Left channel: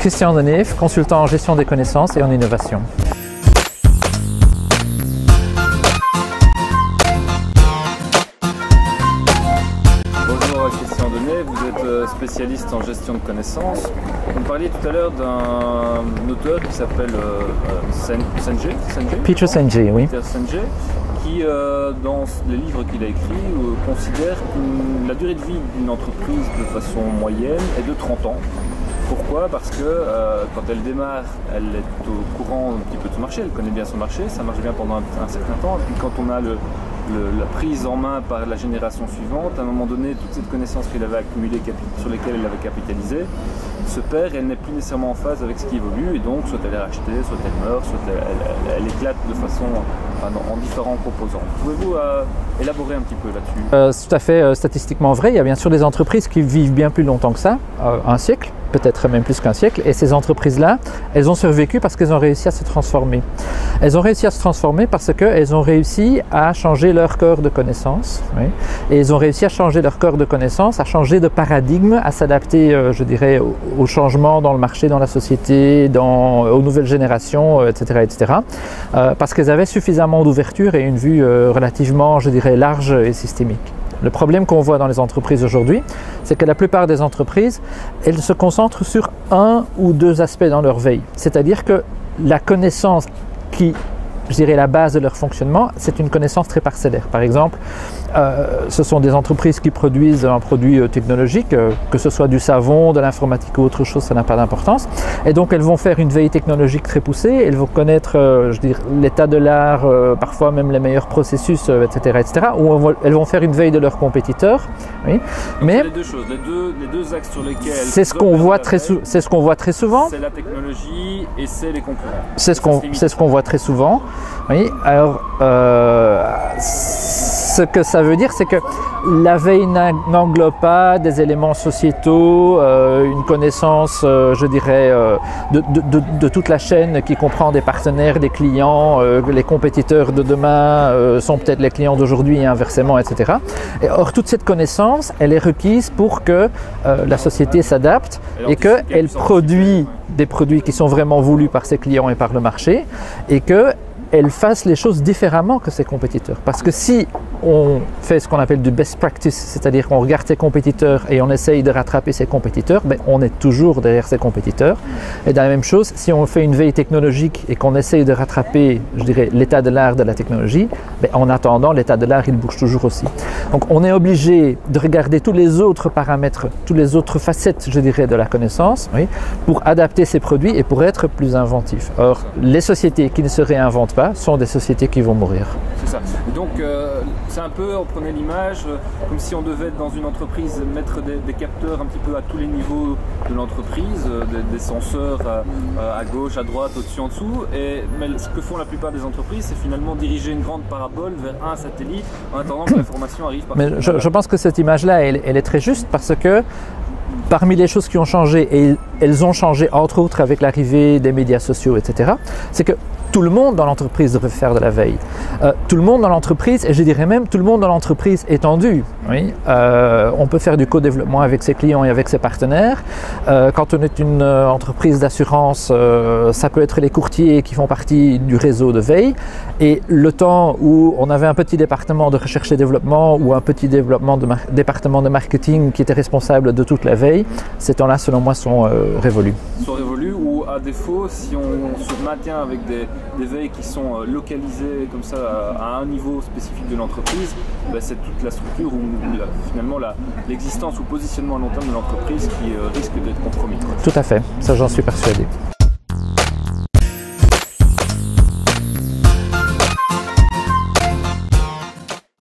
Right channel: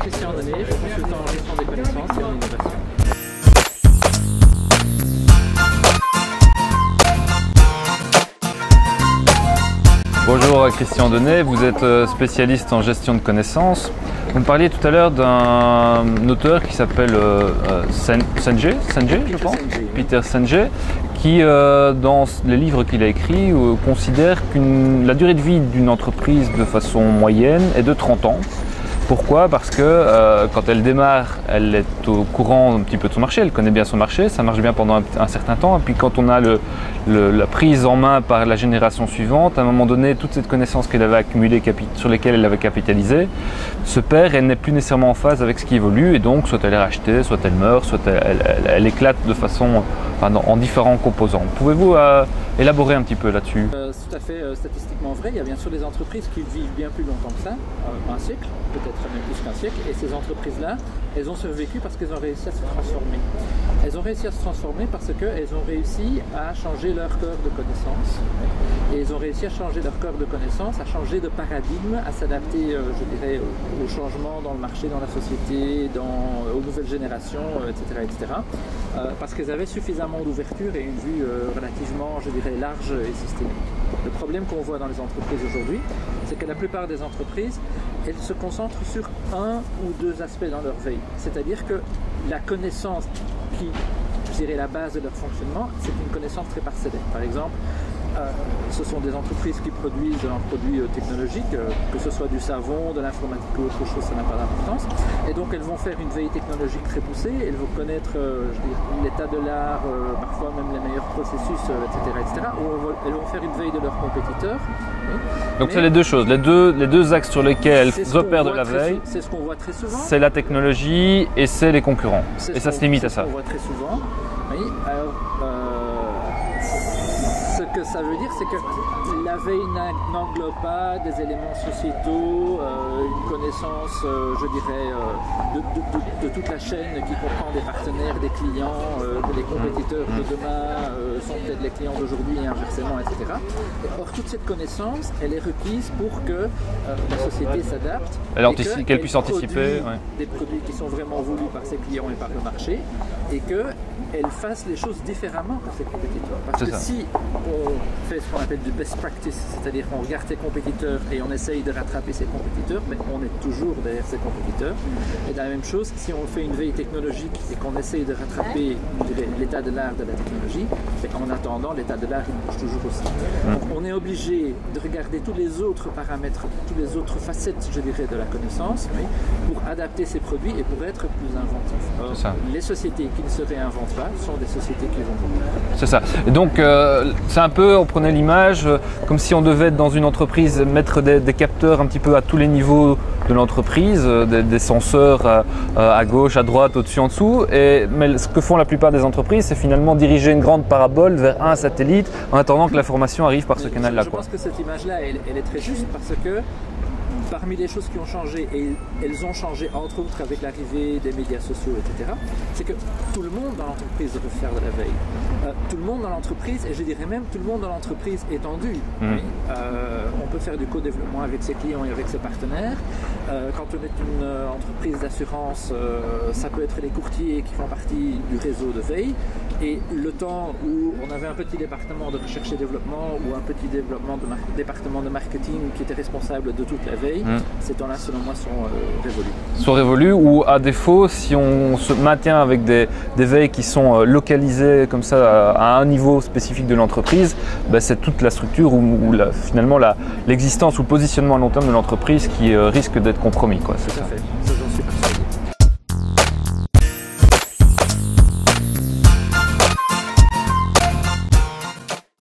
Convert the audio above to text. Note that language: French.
Christian Deneve, consultant en gestion des connaissances et en innovation. Bonjour Christian Deneve, vous êtes spécialiste en gestion de connaissances. Vous me parliez tout à l'heure d'un auteur qui s'appelle Peter Senge, oui. Peter Senge, qui dans les livres qu'il a écrits considère que la durée de vie d'une entreprise de façon moyenne est de 30 ans. Pourquoi? Parce que quand elle démarre, elle est au courant un petit peu de son marché, elle connaît bien son marché, ça marche bien pendant un certain temps. Et puis quand on a la prise en main par la génération suivante, à un moment donné, toute cette connaissance qu'elle avait accumulée, sur lesquelles elle avait capitalisé, se perd et elle n'est plus nécessairement en phase avec ce qui évolue. Et donc, soit elle est rachetée, soit elle meurt, soit elle éclate de façon, en différents composants. Pouvez-vous élaborer un petit peu là-dessus? C'est tout à fait statistiquement vrai. Il y a bien sûr des entreprises qui vivent bien plus longtemps que ça, un siècle, peut-être même plus qu'un siècle. Et ces entreprises-là, elles ont survécu parce qu'elles ont réussi à se transformer. Elles ont réussi à se transformer parce qu'elles ont réussi à changer leur corps de connaissances. Oui. Et elles ont réussi à changer leur corps de connaissances, à changer de paradigme, à s'adapter, je dirais, aux changements dans le marché, dans la société, aux nouvelles générations, etc. etc. Parce qu'elles avaient suffisamment d'ouverture et une vue relativement, je dirais, large et systémique. Le problème qu'on voit dans les entreprises aujourd'hui, c'est que la plupart des entreprises, elles se concentrent sur un ou deux aspects dans leur veille. C'est-à-dire que la connaissance qui, je dirais, la base de leur fonctionnement, c'est une connaissance très parcellaire. Par exemple, ce sont des entreprises qui produisent un produit technologique, que ce soit du savon, de l'informatique ou autre chose, ça n'a pas d'importance. Et donc elles vont faire une veille technologique très poussée, elles vont connaître l'état de l'art, parfois même les meilleurs processus, etc. etc. ou elles vont faire une veille de leurs compétiteurs. Oui. Donc c'est les deux choses, les deux axes sur lesquels c'est ce qu'on voit très souvent. C'est la technologie et c'est les concurrents. C'est ce qu'on voit très souvent. Oui. Alors, ce que ça veut dire, c'est que la veille n'englobe pas des éléments sociétaux, une connaissance, je dirais, de toute la chaîne qui comprend des partenaires, des clients, les compétiteurs de demain sont peut-être les clients d'aujourd'hui et inversement, etc. Or, toute cette connaissance, elle est requise pour que la société s'adapte et qu'elle produit des produits qui sont vraiment voulus par ses clients et par le marché et qu'elle fasse les choses différemment que ses compétiteurs. Parce que si on fait ce qu'on appelle du best practice, c'est-à-dire qu'on regarde ses compétiteurs et on essaye de rattraper ses compétiteurs, ben on est toujours derrière ses compétiteurs. Et dans la même chose, si on fait une veille technologique et qu'on essaye de rattraper, je dirais, l'état de l'art de la technologie, ben en attendant, l'état de l'art, il bouge toujours aussi. Donc on est obligé de regarder tous les autres paramètres, toutes les autres facettes, je dirais, de la connaissance, oui, pour adapter ses produits et pour être plus inventif. Or, les sociétés qui ne se réinventent pas sont des sociétés qui vont mourir. C'est ça. Et donc, c'est un peu, on prenait l'image comme si on devait dans une entreprise mettre des capteurs un petit peu à tous les niveaux de l'entreprise, des senseurs à gauche, à droite, au-dessus, en dessous. Mais ce que font la plupart des entreprises, c'est finalement diriger une grande parabole vers un satellite en attendant que l'information arrive par ce canal-là. Je pense que cette image-là, elle est très juste parce que parmi les choses qui ont changé, et elles ont changé entre autres avec l'arrivée des médias sociaux, etc., c'est que tout le monde dans l'entreprise devrait faire de la veille. Tout le monde dans l'entreprise, et je dirais même tout le monde dans l'entreprise étendue. Oui. On peut faire du co-développement avec ses clients et avec ses partenaires. Quand on est une entreprise d'assurance, ça peut être les courtiers qui font partie du réseau de veille. Et le temps où on avait un petit département de recherche et développement ou un petit département de marketing qui était responsable de toute la veille, ces temps-là, selon moi, sont révolus. Sont révolus, ou à défaut, si on se maintient avec des veilles qui sont localisées comme ça à un niveau spécifique de l'entreprise, ben c'est toute la structure ou finalement l'existence ou le positionnement à long terme de l'entreprise qui risque d'être compromis, quoi. Tout à fait, ça j'en suis persuadé.